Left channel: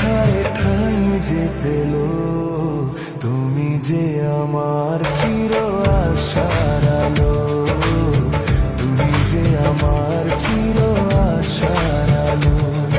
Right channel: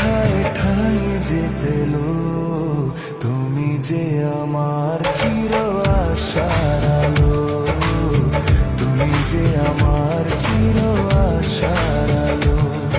ঠায় ঠাই যে পেল, তুমি যে আমার চির আশার আলো, তুমি যে আমার চির আশার আলো।